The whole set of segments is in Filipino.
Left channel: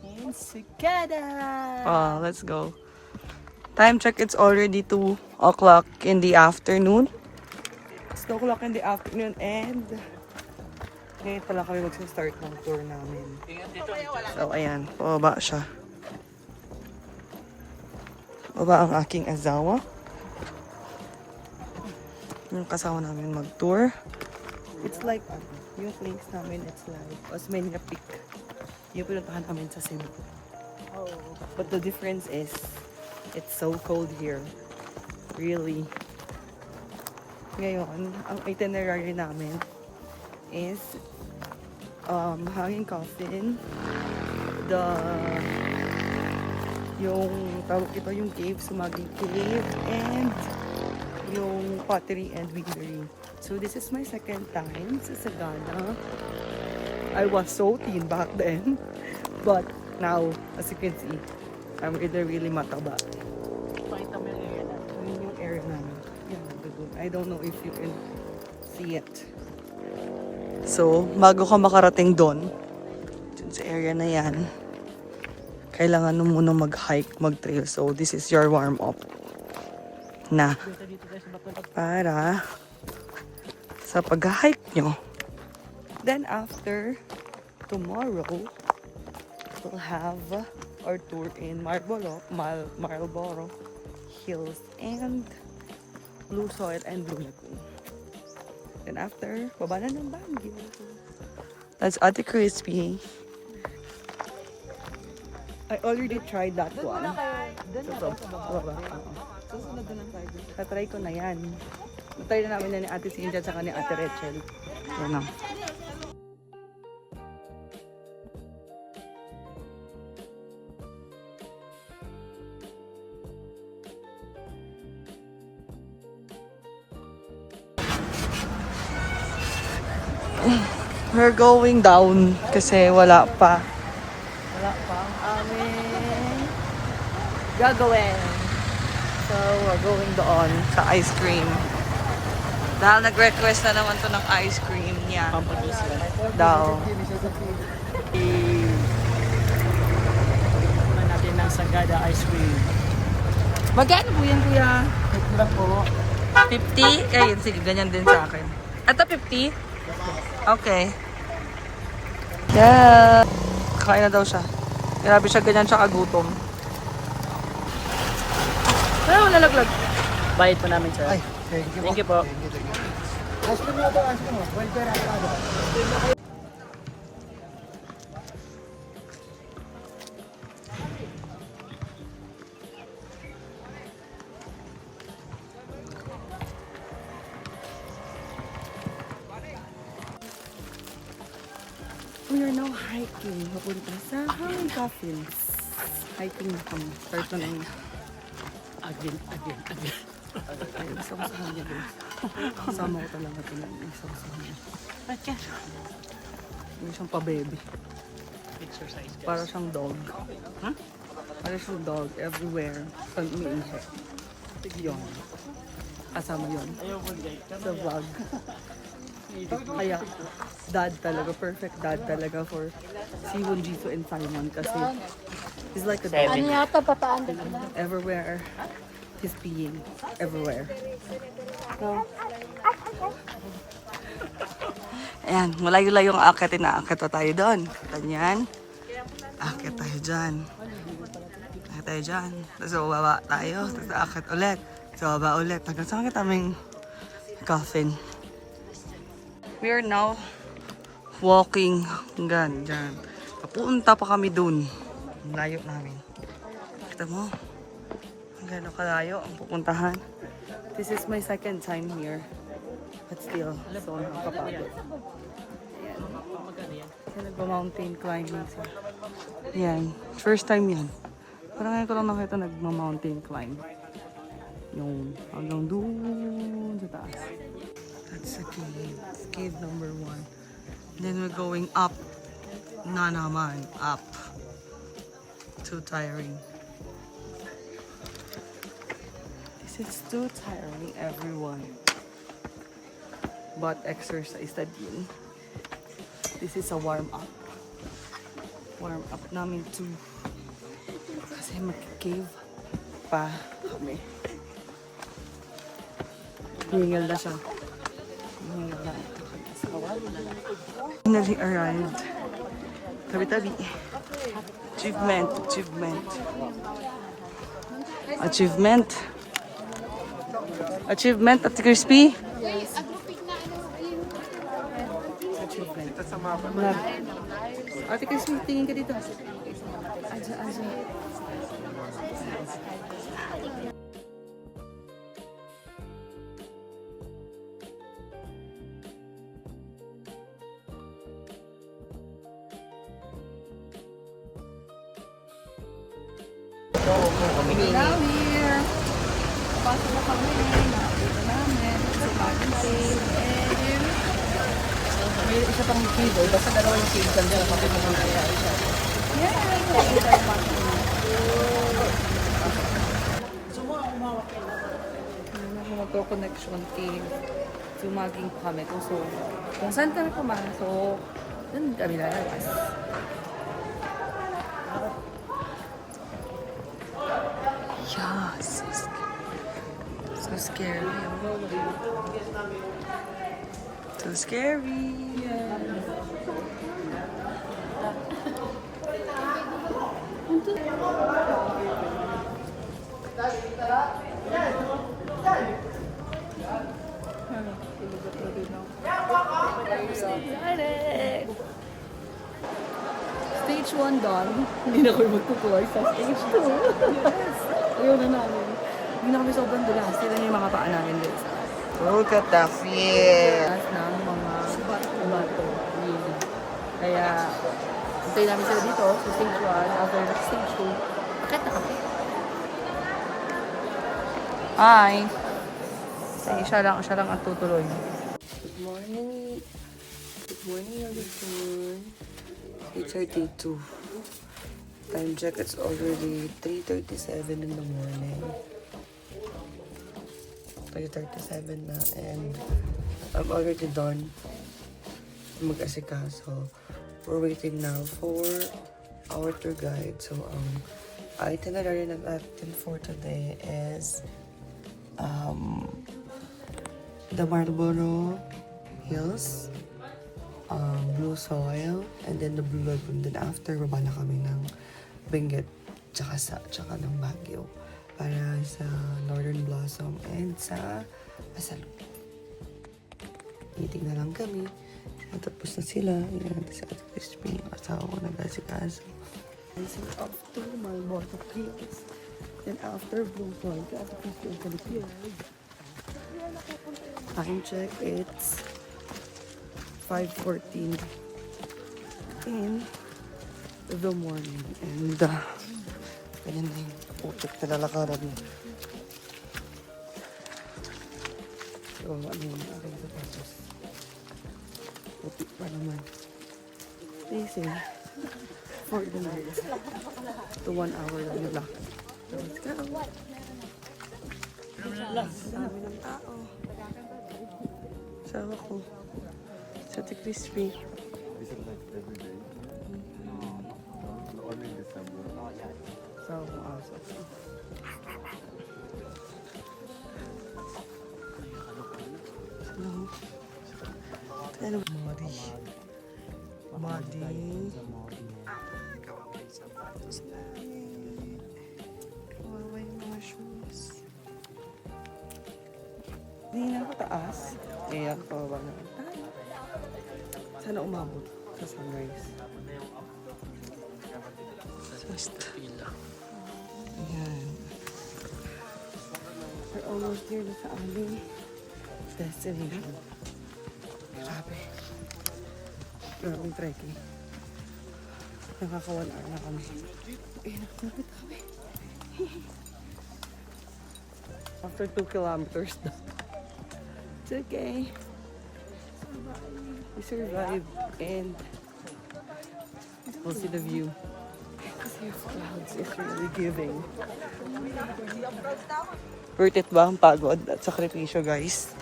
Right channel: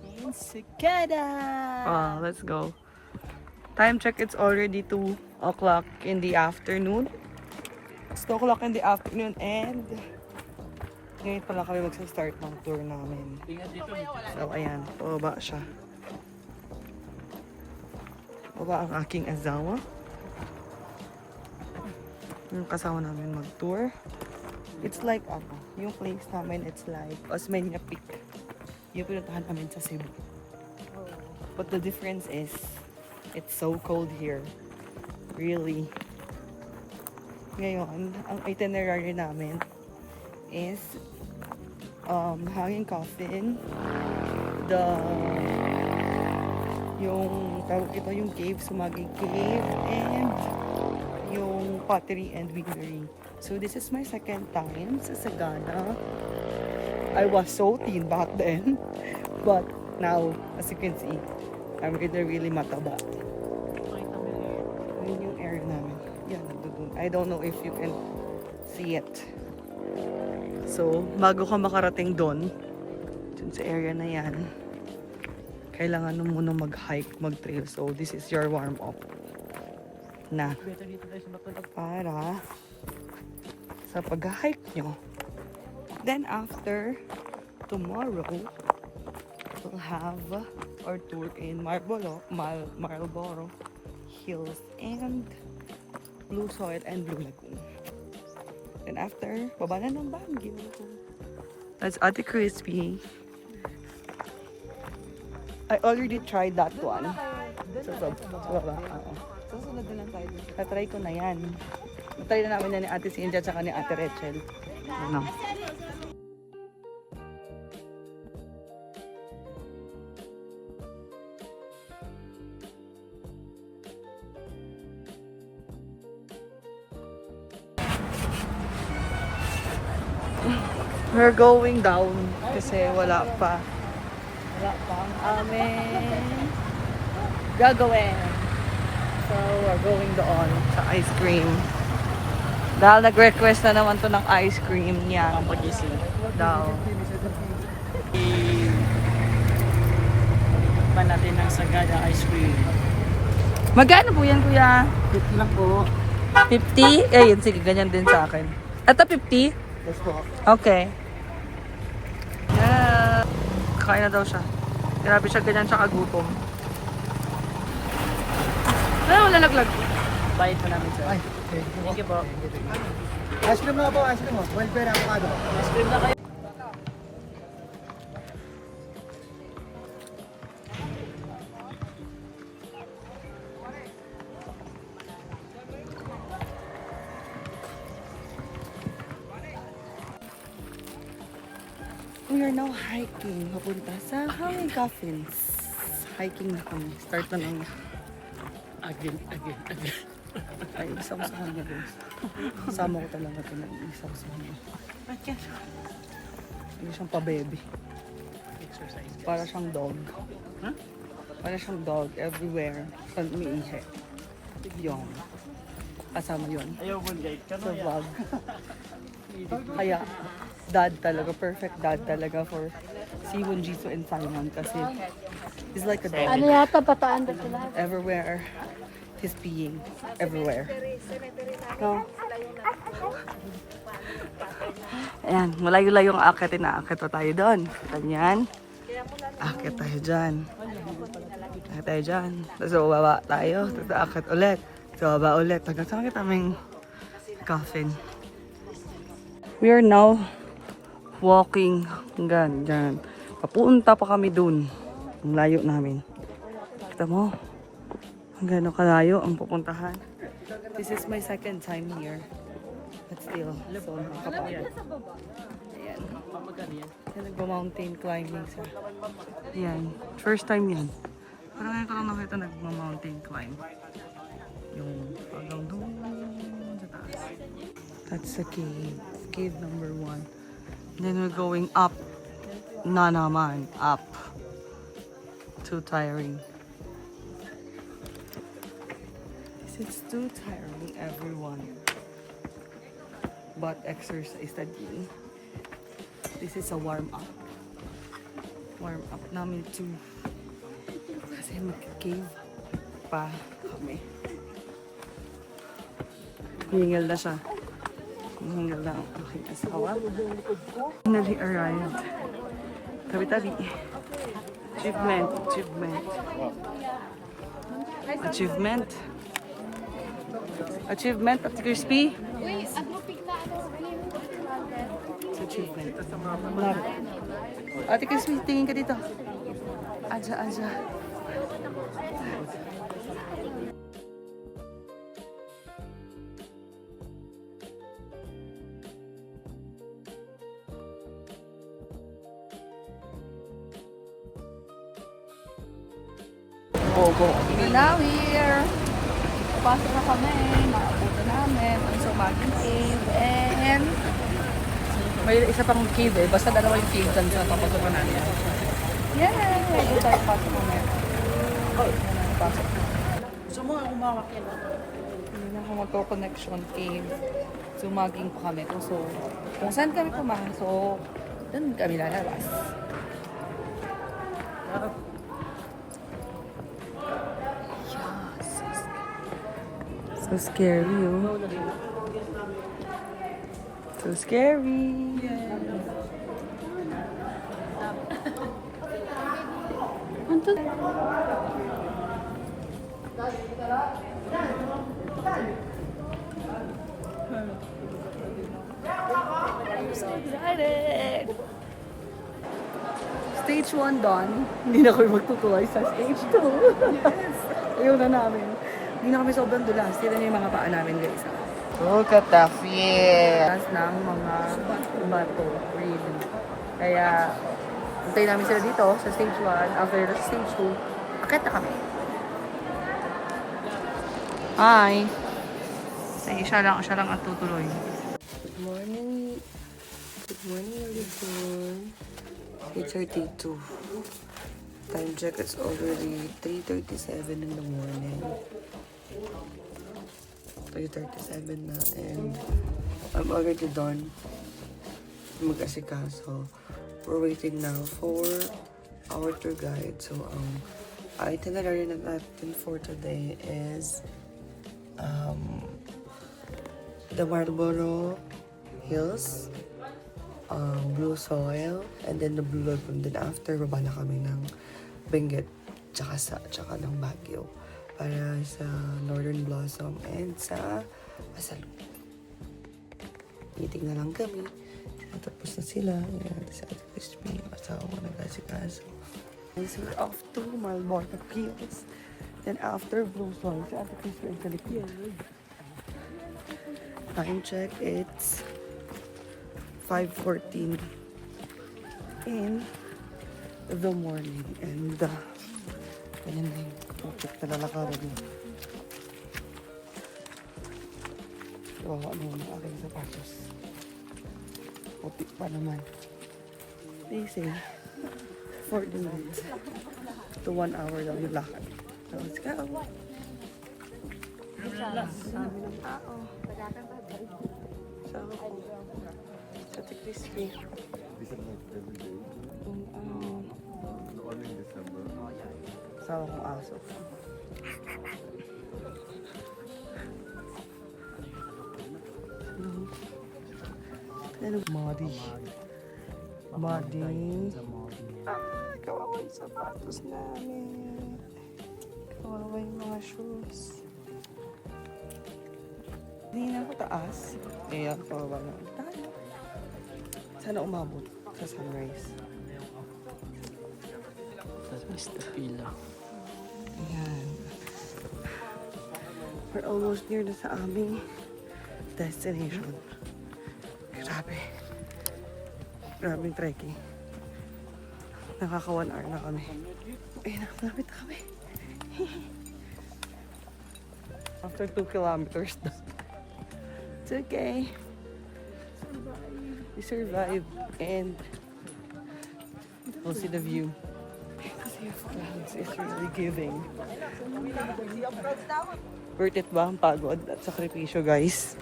In Sagada. Let's go. Time check, it's already 2 o'clock in the afternoon. It's 2 o'clock in the afternoon and ngayon pa lang kami magsa-start ng tour namin. So, ayan. Pababa siya. Baba ang aking asawa. Yung kasama namin mag-tour. It's like, yung place namin, it's like Osmeña Peak. Yung pinuntahan namin sa Cebu. But the difference is, it's so cold here. Really. Ngayon, ang itinerary namin is Hanging Coffin, yung tawag ito, yung cave, Sumagi Cave, and yung pottery and winery. So this is my second time sa Sagada. I was so thin back then, but now, as you can see, I'm really mataba. Ayun yung area namin. Yan, nandun. I don't know if you can see it. So, bago ka makarating doon, dun sa area na yan, kailangan mo muna mag-hike, mag-trail. So, this is your warm-up na para sa pag-hike nyo. Then, after tomorrow, we'll have our tour in Marlboro Hills and Blue Soil and Blue Lagoon. Then after, baba na ng Baguio. That's Ate Crispy. I already tried that one. So baba. Oo. Susunod na lang tayo dito. Tatry ko na yan. Natry na namin na ni Ate Cynthia at ni Ate Rachel. Yan o. We're going down kasi wala pa ang aming gagawin. So, we're going doon sa ice cream. Dahil nag-request na naman to ng ice cream niya. Pampagising. Daw. Pa natin ng Sagada ice cream. Magkano po yan, kuya? Dito lang po. 50? Eh, yun, sige, ganyan din sa akin. Ito 50? Okay. Yeah. Kakain na daw siya. Grabe siya, ganyan siya kagutom. Ano, nalaglag? Bayad po namin, sir. Ay, thank you po. Ice cream mo po, ice cream mo. Welfare avocado. Ice cream na kayo. We are now hiking. Papunta sa Hanging Coffins. Hiking na kami. Start na ng Again. ay, isa ko sa kanya, bro. Kasama ko talaga ito na isa ko sa kanya. Hindi siyang pa-baby. Para siyang dog. Para siyang dog everywhere. Saan umiihi. Yun. Kasama yun. Sa vlog. Kaya, dad talaga. Perfect dad talaga for Siwon, Jisoo, and Simon. Kasi, he's like a dog. Ano yata pataan doon? Everywhere. He's peeing. Everywhere. So, ayan, malayo-layo ang aakitin na. Aakit pa tayo doon. Kita niyan. Aakit tayo dyan. Aakit tayo dyan. Tapos bababa tayo. Tapos aakit ulit. Tapos bababa ulit. Hanggang saan kita aming coffin. We are now walking. Hanggang dyan. Papunta pa kami dun. Ang layo namin. Kita mo? Gano'n kalayo ang pupuntahan. This is my second time here. But still, so nakakapagod. Ayan. Magkano yan? Kaya nagpa-mountain climbing sa... Yan. First time yan. Parang ngayon ko lang nakita nagma-mountain climb. Yung hanggang doon sa taas. That's the cave. Cave number 1. Then we're going up. Na naman. Up. Too tiring. It's too tiring, everyone. butt exercise na din. This is a warm up. Warm up namin too. Kasi mag-cave pa kami. Hingal na siya. Hingal na. Finally arrived. Tabi-tabi. Achievement. Achievement. Achievement. Achievement at Crispy. Achievement. Lab. Ate Crispy, tingin ka dito. Aja, aja. Now here, pasok na kami, naabutan namin ang Sumaging Cave and May isa pang cave eh. Basta dalawa yung cave dyan sa papasukan natin. yan na, ready tayo pasok na. Hindi na ako magko-connection cave. Sumaging pa kami. So, kung saan kami pumasok, dun kami lalabas. So scary. So scary. Excited! Stage 1 done. Hindi na kami magtutuloy sa stage 2. Ayaw na namin. Hindi na kami sobrang dulas. Sila na yung mga paa namin, guys. Look at the feel. Dulas ng mga bato. Really. Kaya, hintayin namin sila dito sa stage 1. After the stage 2, akit na kami. Hi. Ay, siya lang ang tutuloy. Good morning. Good morning, Alison. It's 32. Time check, it's already 3:37 in the morning. 3:37 na, and I'm already done mag-asikaso. We're waiting now for our tour guide. So, ang itinerary natin for today is the Marlborough Hills, Blue Soil, and then the Blue Lagoon. Then after, baba na kami ng Benguet, tsaka ng Baguio para sa Northern Blossom and sa Asalu. Meeting na lang kami. Tapos na sila. Yan, sa Crispy. Asawa ko na si Taso. So we're off to Marlborough Hills. Then after Blue Soil, after Crispy and California. Time check, it's 5:14 in the morning. And ganyan na yung putik na lalakaran mo. Iwawa na yung aking sapatos. Putik pa naman. They say 40 minutes to 1 hour daw yung lakad. So let's go. Dami ng tao. So the Crispy. Sawa kong aso. Ano? Muddy. Kawawa yung sapatos namin. Kawawa yung mga shoes. Hindi na ako taas. Ayan, kawawa na tayo. Sana umabot sa sunrise. Basta pila. Ayan. We're almost near na sa aming destination. Grabe. Grabing trekking. Nakaka 1 hour na kami. Ayan, lapit na kami. After 2 kilometers na. It's okay. We survived and we'll see the view. Kasi yung clouds is really giving. Worth it ba ang pagod at sakripisyo, guys?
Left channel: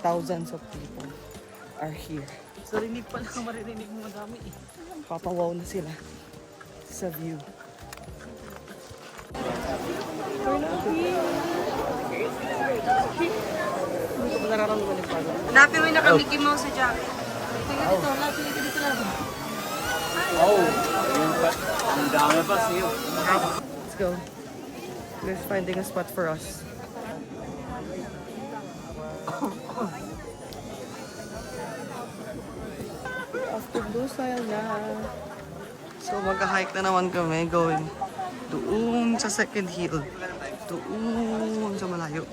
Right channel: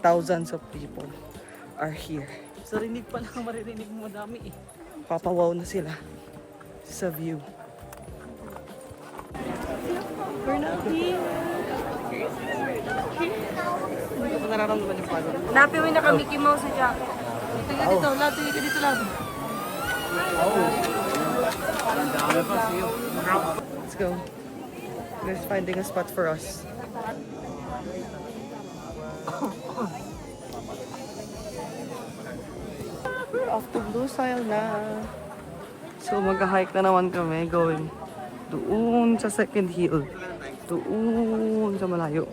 thousands of people are here. Sa rinig pa lang maririnig mo madami eh. Papawaw na sila sa view. We're not here. Hindi ko pa nararamdaman yung pagod. Dati may naka-Mickey Mouse sa jacket. Tingnan dito, lab. Tingnan ka dito, lab. Let's go. We're finding a spot for us. We're off to Blue Soil na. So, nag-hike na naman kami going doon sa second hill. Doon sa malayo.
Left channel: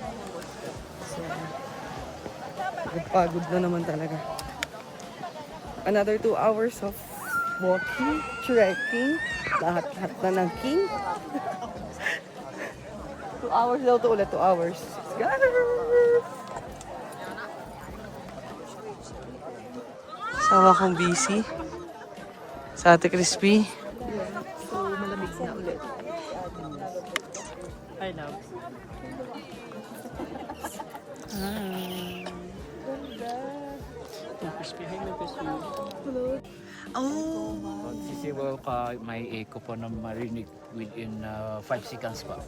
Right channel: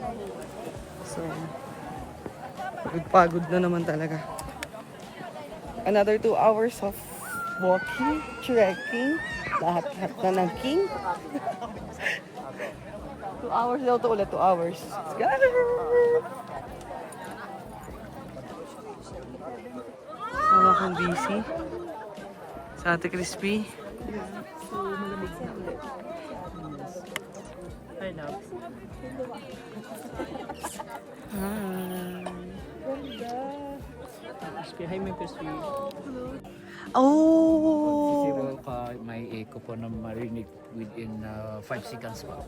So, pagod na naman talaga. Another 2 hours of walking, trekking, lahat-lahat na ng king. 2 hours daw to ulit, 2 hours. Let's go! Sawa kang busy. Sa Ate Crispy. So, malamig na ulit. Hi, love. Hi. Crispy, hi, may crispy. Oh! Visible ka, may echo po na marinig within 5 seconds pa.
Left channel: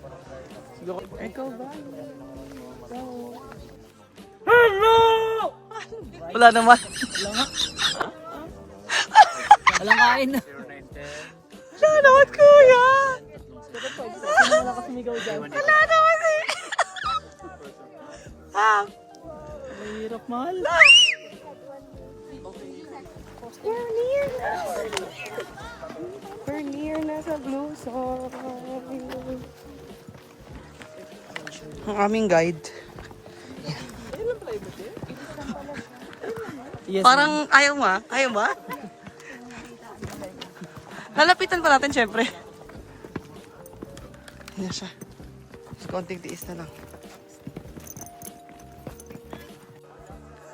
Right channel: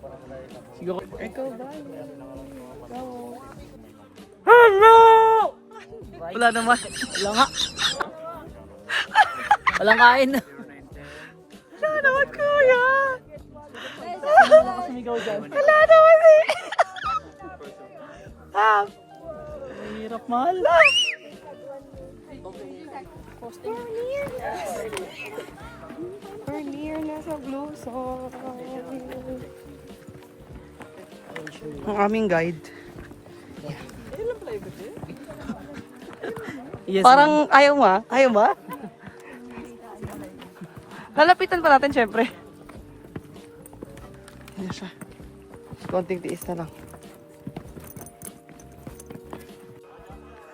Siguro, Echo bye. Go. Hello! Wala naman. wala nga. Walang kain na. Wala naman, kuya. Wala ka sumigaw dyan. Wala naman eh. Ah, Mahirap, mahal. we're near na. We're near na sa Blue Soil. Ang aming guide. Yes, Parang ayaw mo ah. Ayaw mo ah. Lalapitan pa natin syempre. Ayan siya. Konting tiis na lang.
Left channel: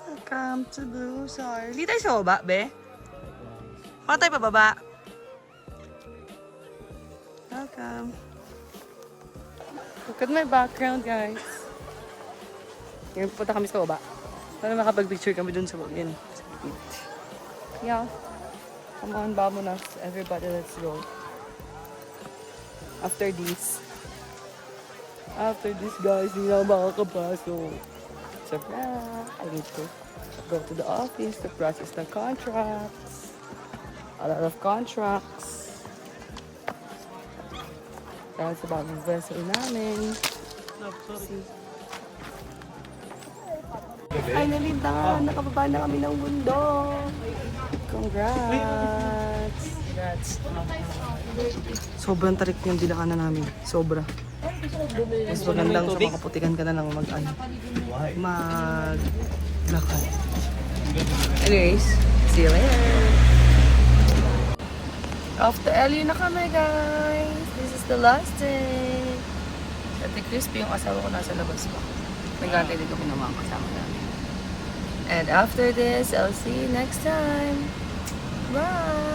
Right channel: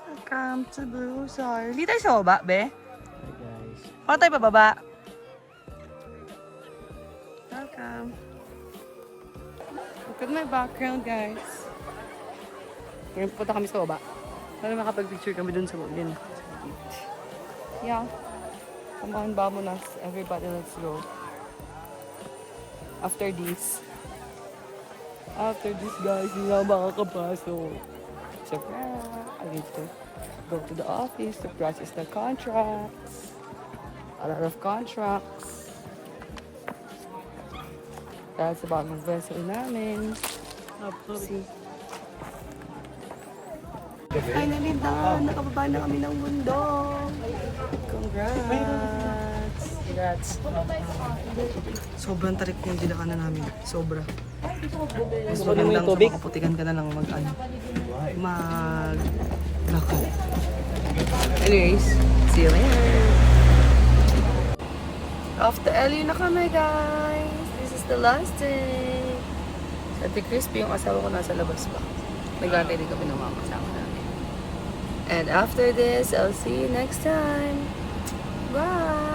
Welcome to Blue Soil. Hindi tayo sa baba, be? Paano tayo pababa? Welcome. Look at my background, guys. Ngayon pupunta kami sa baba. Para makapag-picture kami dun sa bugin. Yeah. Come on, vamonos. Everybody, let's go. After this, guys, hindi na ako makakapasok. So, I need to go to the office to process the contracts. A lot of contracts. Dahil sa bagong vessel namin. See. Finally na, nakababa na kami ng bundok. Congrats! Sobrang tarik ng gilakanan namin. Sobra. Mas magandang sa makaputikan ka na lang maglakad. Anyways, see you later! Off to LU na kami, guys! This is the last day! Ate Crispy, yung asawa ko nasa labas pa. Nag-aantay din kami ng mga kasama namin. And after this, I'll see you next time. Bye!